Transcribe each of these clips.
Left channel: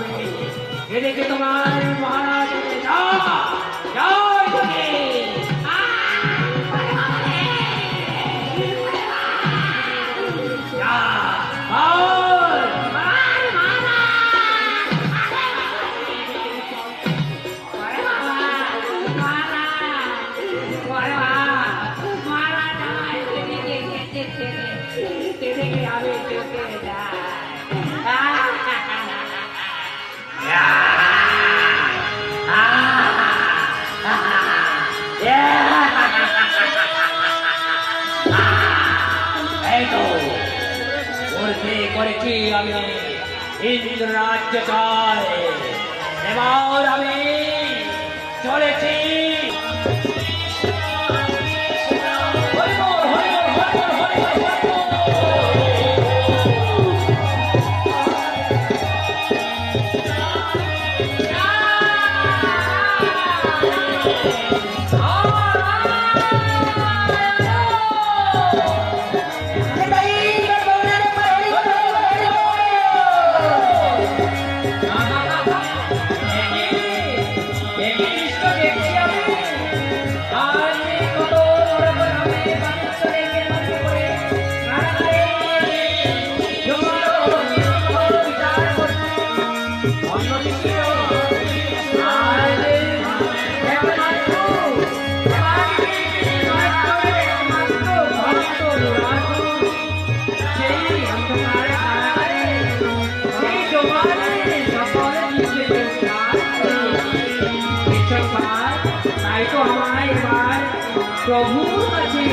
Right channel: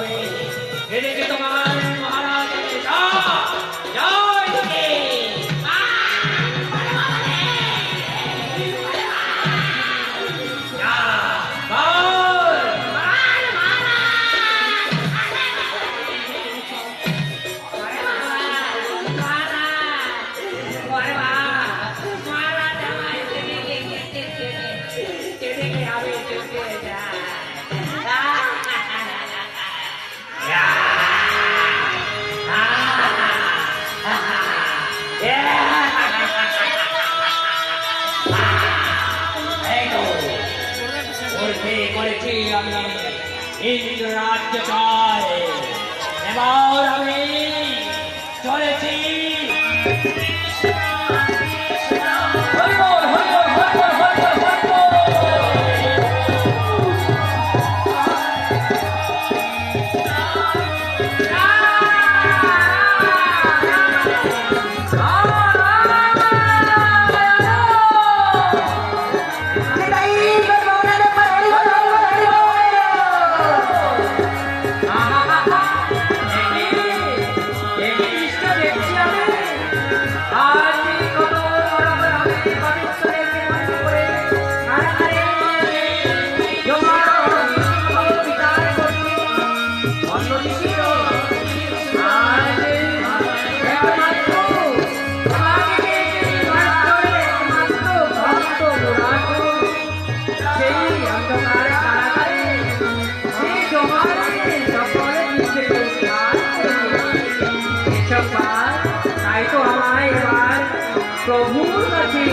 হবে। এদিকে তোমার মহারাজ যাও এদিকে। যা, বল। করেছি আমি ইন্দ্র রাজ্য চাই, এবার আমি চলেছি। প্রভুর কাছে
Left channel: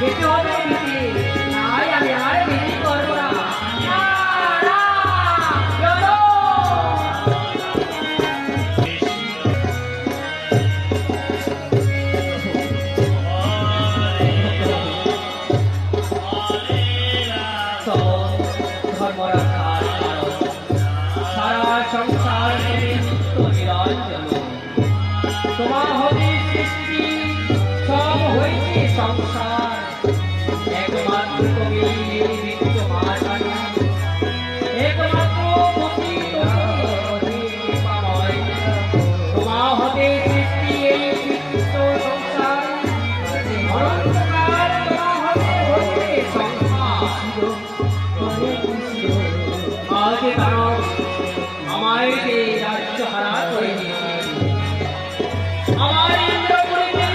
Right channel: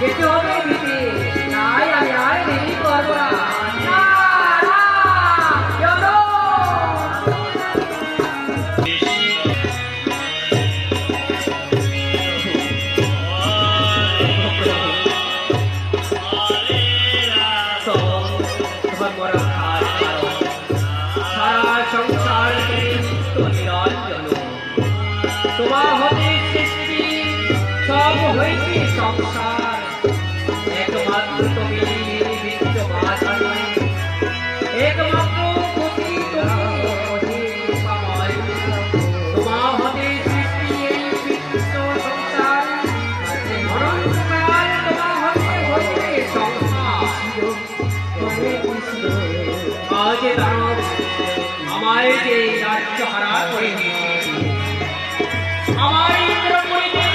যেতে হবে দিতে, তাই আমি আর দেরি করব না। সারা সংসার তোমার হতে সৃষ্টি সব হয়েছে সংসার, একমাত্র তুমি বিদ্যমান, একমাত্র তোমার হতে সৃষ্টি এই বিশ্ব সংসার, আজ দানব আমায় যে রাজ্য হারা করে দিয়েছে, আমার ইন্দ্র করিতে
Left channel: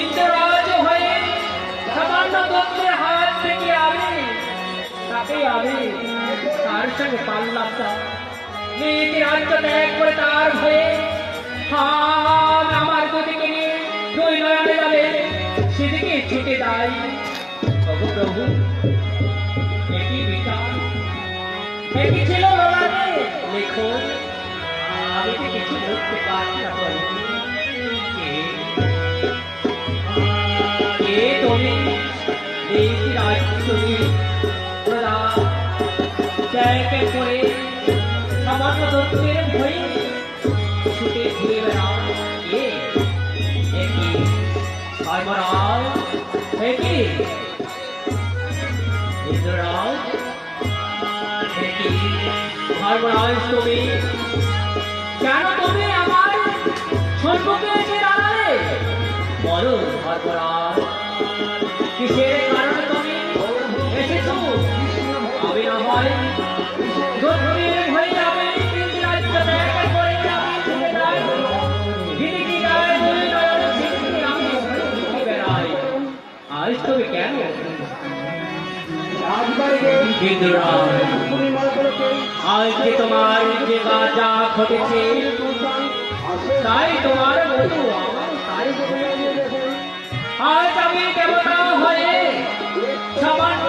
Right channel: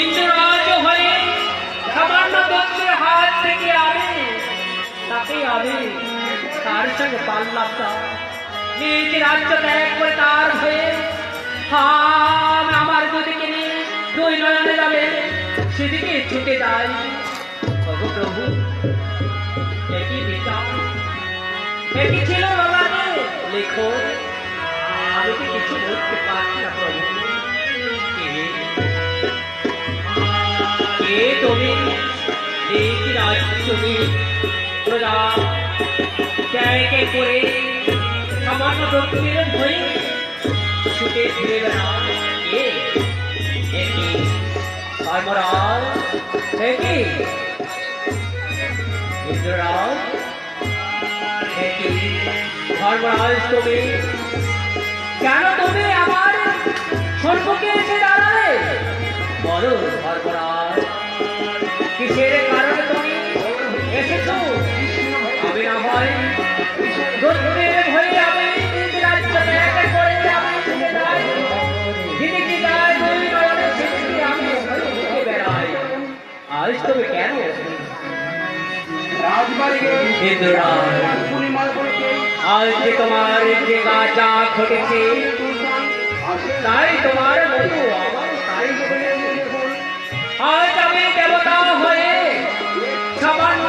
ইন্দ্ররাজ হয়ে সামান্য দত্তের হাত থেকে আমি তাকে আমি তার সঙ্গে পারলাম না, নিজ রাজ্য ত্যাগ করে তার ভয়ে আমার দুদিকে নিয়ে দুই নয়নে যাবে সেদিকে ছুটে যাই। প্রভু একই বিচার একই ছিল বাবাকে লেখো, আমি কি কিছু বলতে পারছি না প্রভু। কে তুমি এই রাজ্য তুমি ওরা ত্যাগে করে সামান্য দক্ষিণের ভয়ে ছুটে ফিরে বেড়া, কে একই ধর্মরাজ একই ইন্দ্ররাজ একই ধর্মরাজ, তুমি কেন তুমি আমার সম্মুখে এসে দাঁড়ালে? বলো ধর্মরাজ, কিসের কারণে তুমি এসেছ? আমি না ভাই দক্ষিণের ভয়ে আমি নিজ রাজ্য ত্যাগ করে আমি ছুটে যাই, যেদিকে যাই দুই নয়নে সেদিকে আমি ঘুরে বেড়াই। আজ তুমি কেন আজ যে তোমার যে যা ঘটেছে তাই তোমার আজ আমি দেবতা হয়ে সামান্য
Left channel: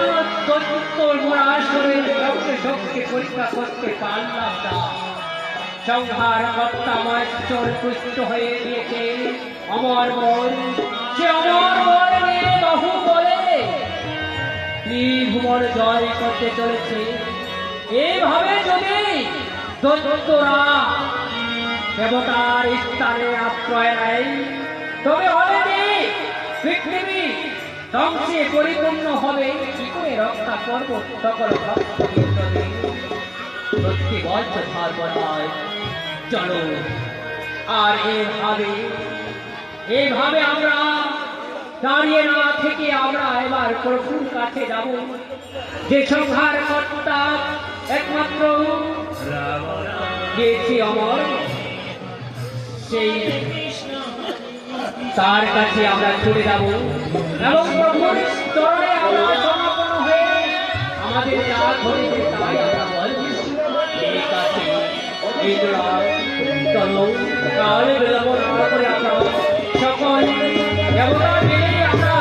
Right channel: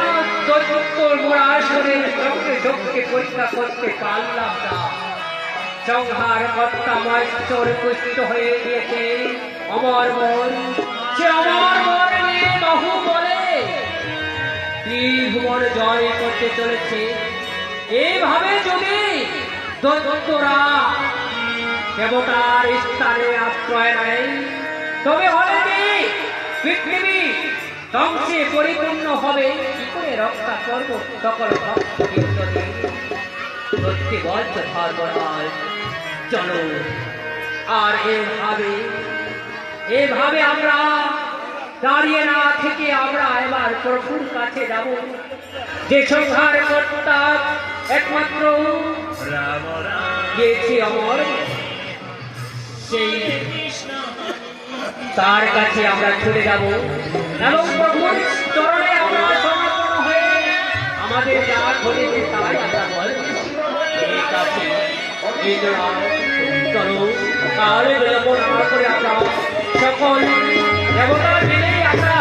শক্তি পরীক্ষা করতে পারলাম না, সংহার কর্তা আমার চোর পুষ্ট হয়ে গিয়েছে। আমার মন সে আমার মনে বহু বলে ভুবন জয় করতে চলেছে। এইভাবে যদি দত্তরা দেবতার স্থানে আশ্রয় নেয় তবে হবে কি পৃথিবী ধ্বংসে পরিপূর্ণ হবে, কি করে রক্ষা করব সকল ভক্তবৃন্দদের? সত্যি বলছ সর্বনাশ, চলো আর এভাবে আমরা দাঁড়িয়ে না থেকে আমরা এবার প্রভুর কাছে যাব, যে সংহার কর্তা একমাত্র গেছে অমর, সেই তার কাছে আমরা ছুটে যাব এবং প্রভুর চরণে আমরা সমর্পণ হয়ে আমাদের যা ঘটেছে তাই আমরা বলব। ঠিক আছে ইন্দ্রা, চলো তাহলে বিলম্ব না করে আমরা সকল দেবতা মিলে আমরা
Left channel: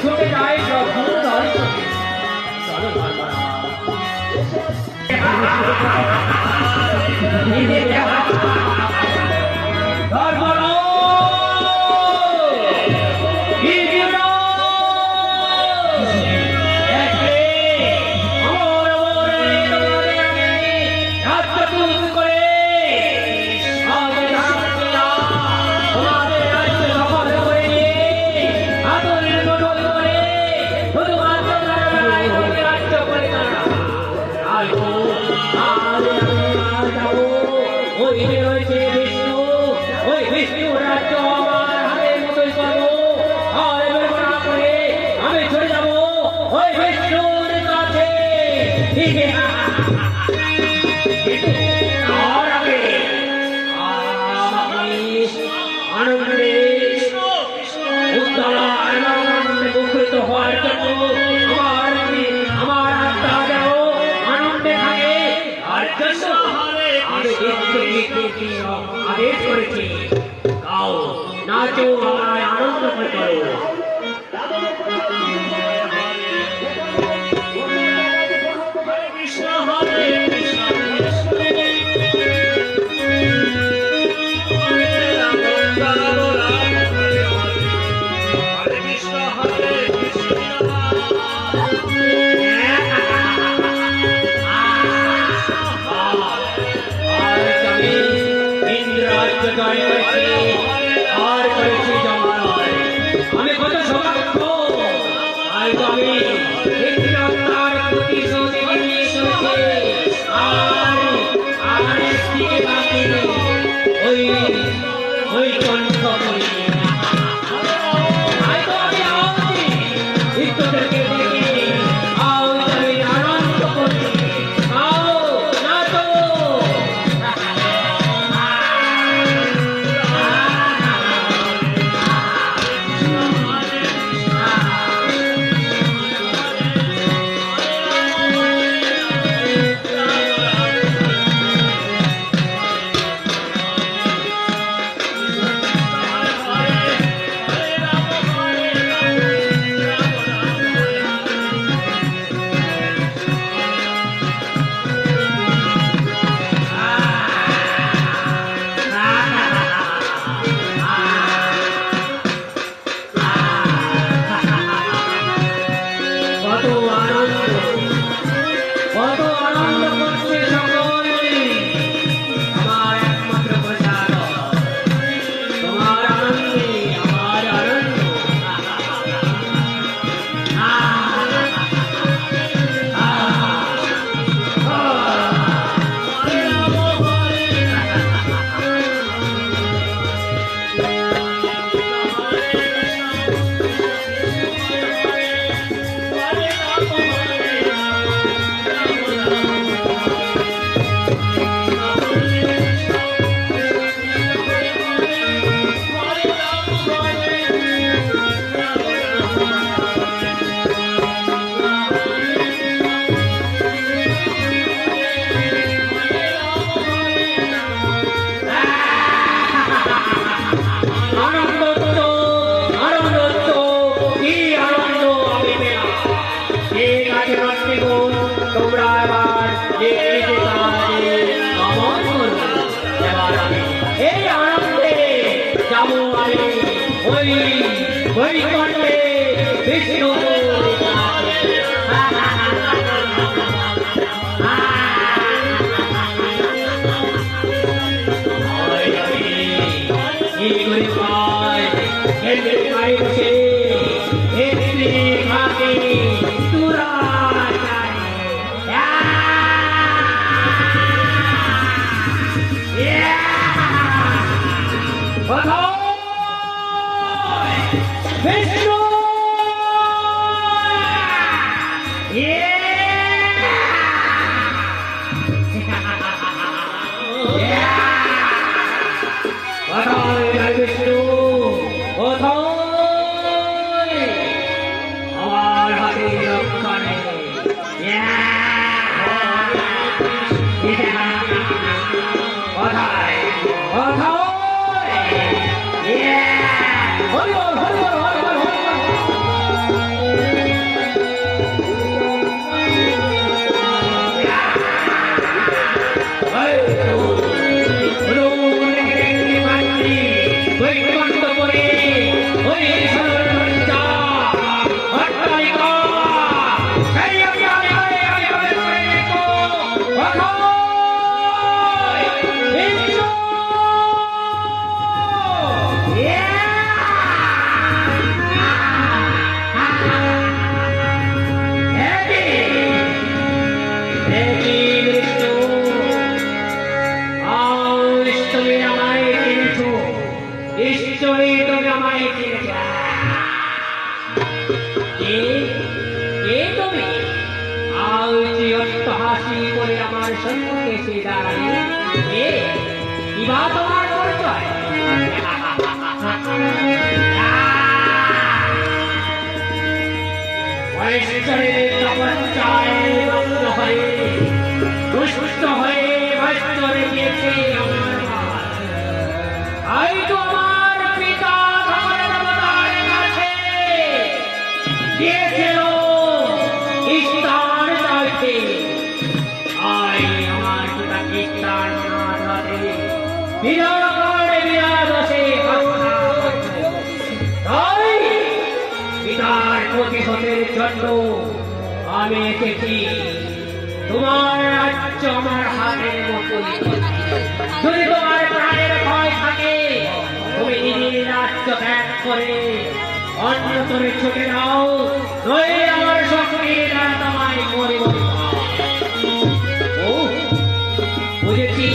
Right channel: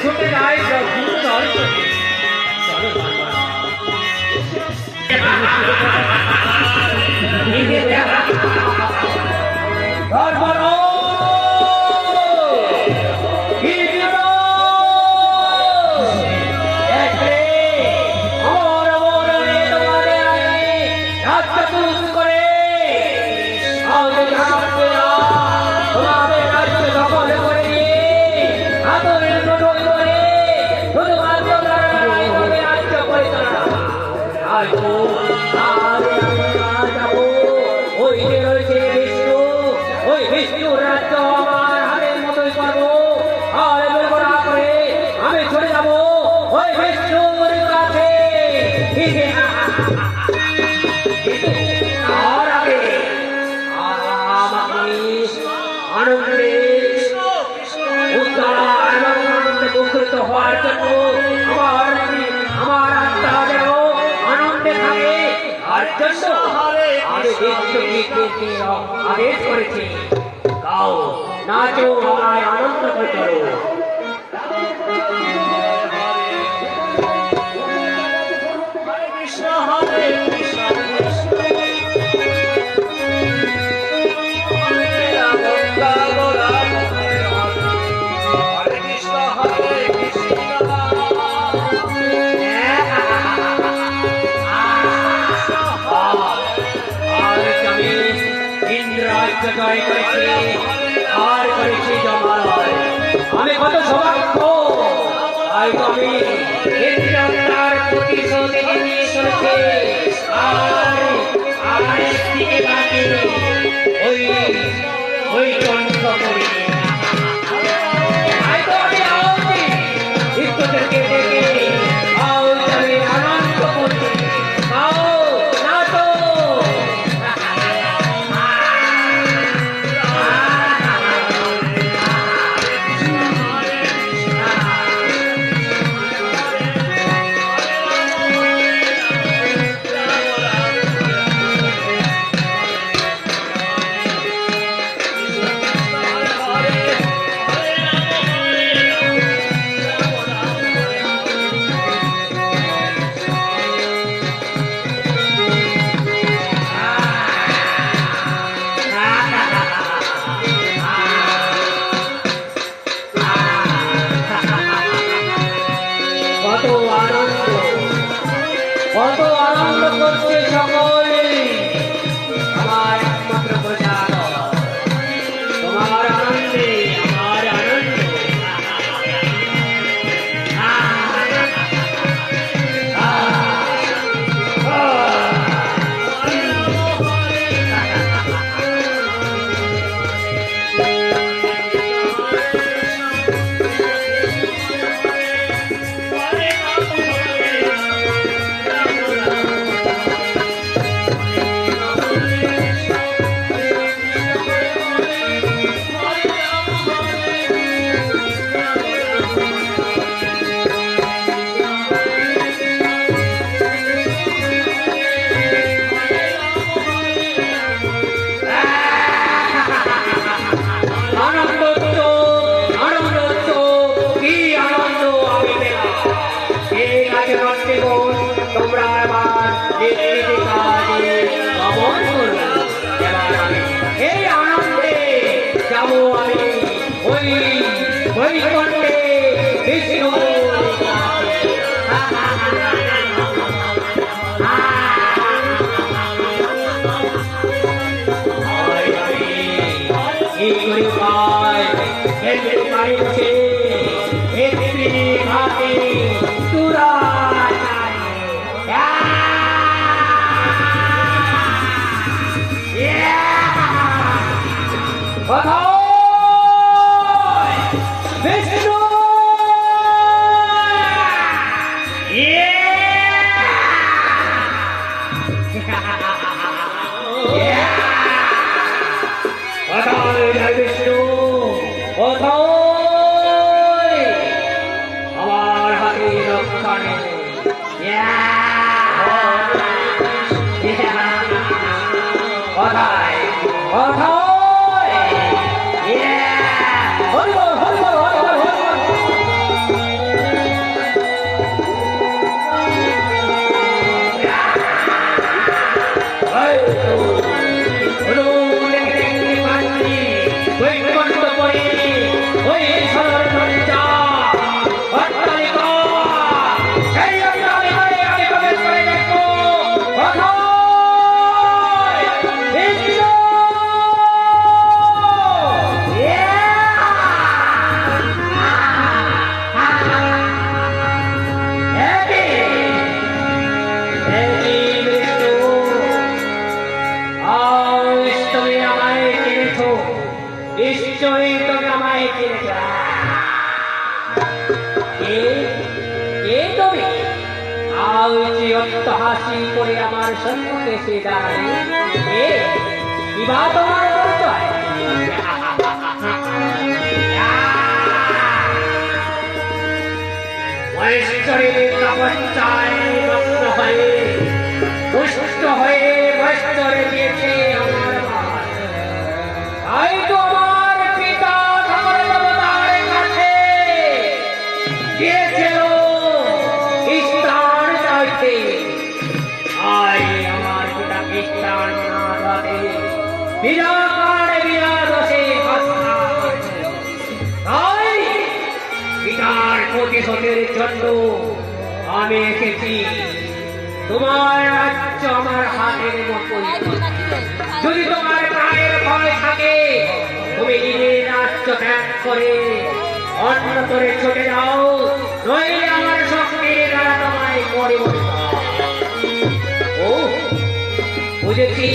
ছুটে যাই প্রভুর চরণে। চলো আদেশ করেছে, গাও নাচো আর আনন্দ করো। আমি কত সৌভাগ্য, আমি প্রতিশোধ নিয়ে চলছে আর একদিকে বাকি ওই কণ্ঠ করি ইষ্টদেরকে ডেকে আও তুমি আনন্দ করছি, আও নাচো। কত আনন্দ করছে সকলে, আমার একমাত্র প্রসাদ, তোমার আনন্দে আমার আনন্দ। তোমরা এবার এই আনন্দে যাবো আমি ওই কণ্ঠে বিষ্ণু Hey, বিষ্ণু বিষ্ণু আমার হাতে রক্ষা নেই নিশ্চয়ই তবে আমায় কিনেছ তুমি আজ অট্ট হাসি করে আমার সম্মুখে এসে দাঁড়ায় কিবা তোমার পরিচয় পুষ্ট হয়ে বস্ত্রে দিয়েছে আমার হয়তো আমার পিতা ধর্মদার কাছে গিয়েছিল স্থান চাইতে আই আমার পিতাকে স্থান না দাতে বিরাট বসে তাই পিতার প্রতিশোধের জন্য আমি এসেছি তোমার রাজ্য আমার হাতের মতোই যদি তোমার প্রাণের ভয় থাকে তুমি নিজের রাজ্য ত্যাগ করে অন্য করে ছুটে যাও নইলে আমার শক্তির দ্বারা তোমায় মরিব ও বুঝেছি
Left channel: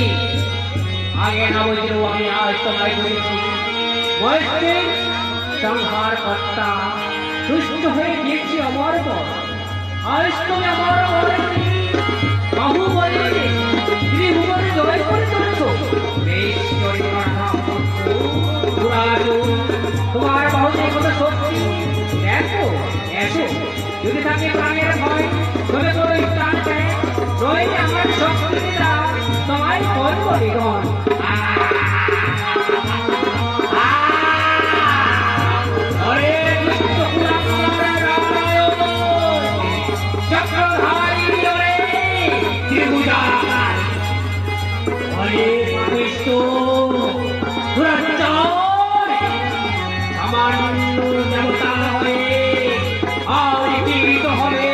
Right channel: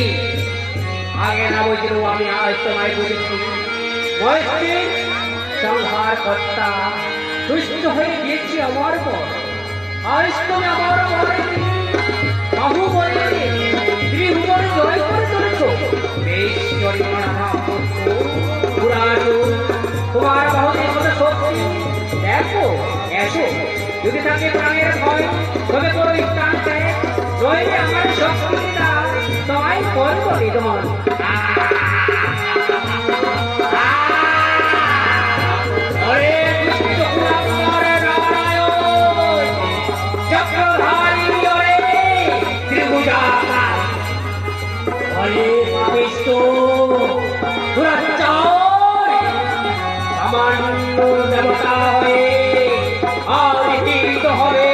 আগে না বুঝলেও আমি আজ তোমায় বুঝেছি বয়সের সংহার কর্তা সুস্থ হয়ে গিয়েছি আমার পর আজ তুমি আমার বাহু বলে গৃহবরে জয় করে চলেছ বেশ তোমার মনে কোনো শক্তি দেখো এসো যদি তাকে প্রাণের ভয় তবে তোর স্থান দেয় রইলে আমার শক্তিটা তোমায় ফল পরিগণ দেবতা হয়ে আর জীবিত হবে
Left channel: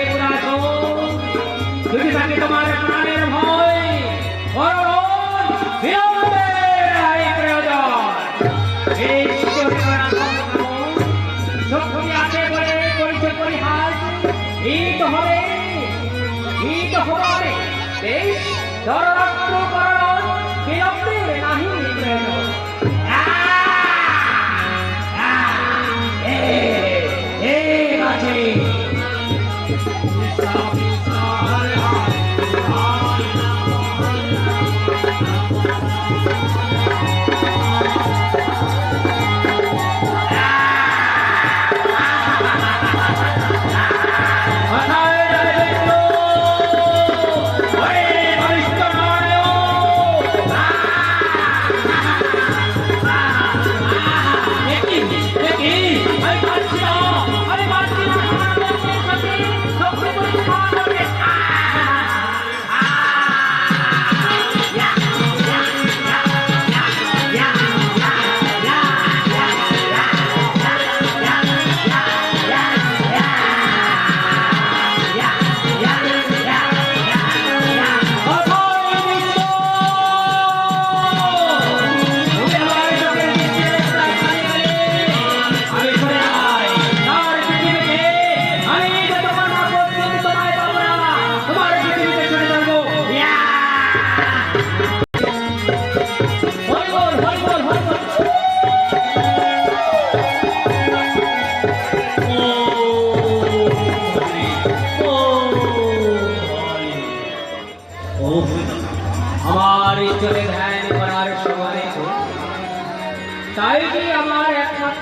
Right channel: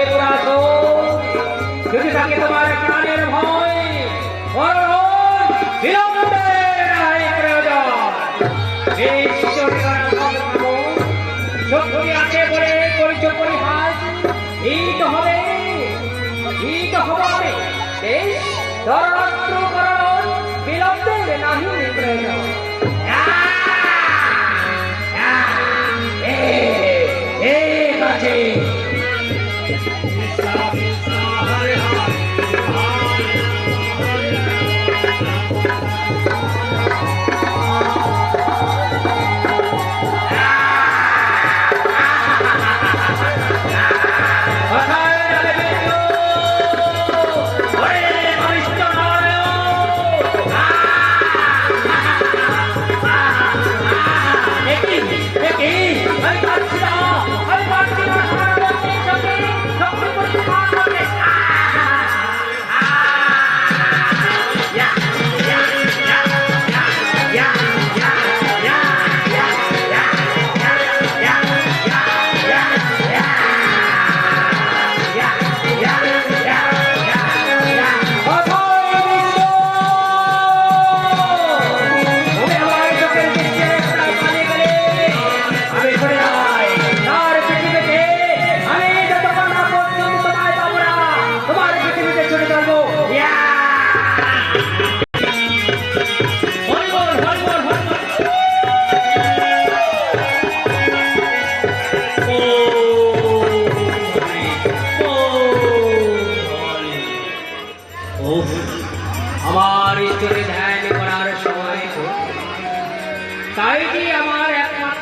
যদি থাকে তোমার প্রাণের ভয় হিত হবে বেশ বিলম্বের নাহি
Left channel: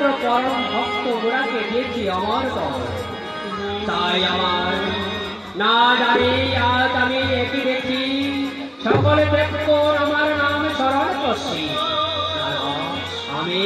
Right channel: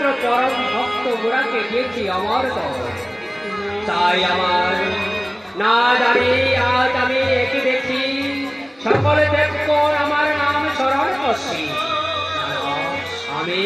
একমাত্র পরম ভক্ত গোড়াকে দিয়েছি আমার কবর। তাই আমার না জানি আজ আমি একই দেখছি সকলে ব্যক্ত আমার নাম স্মরণ করছি। আমি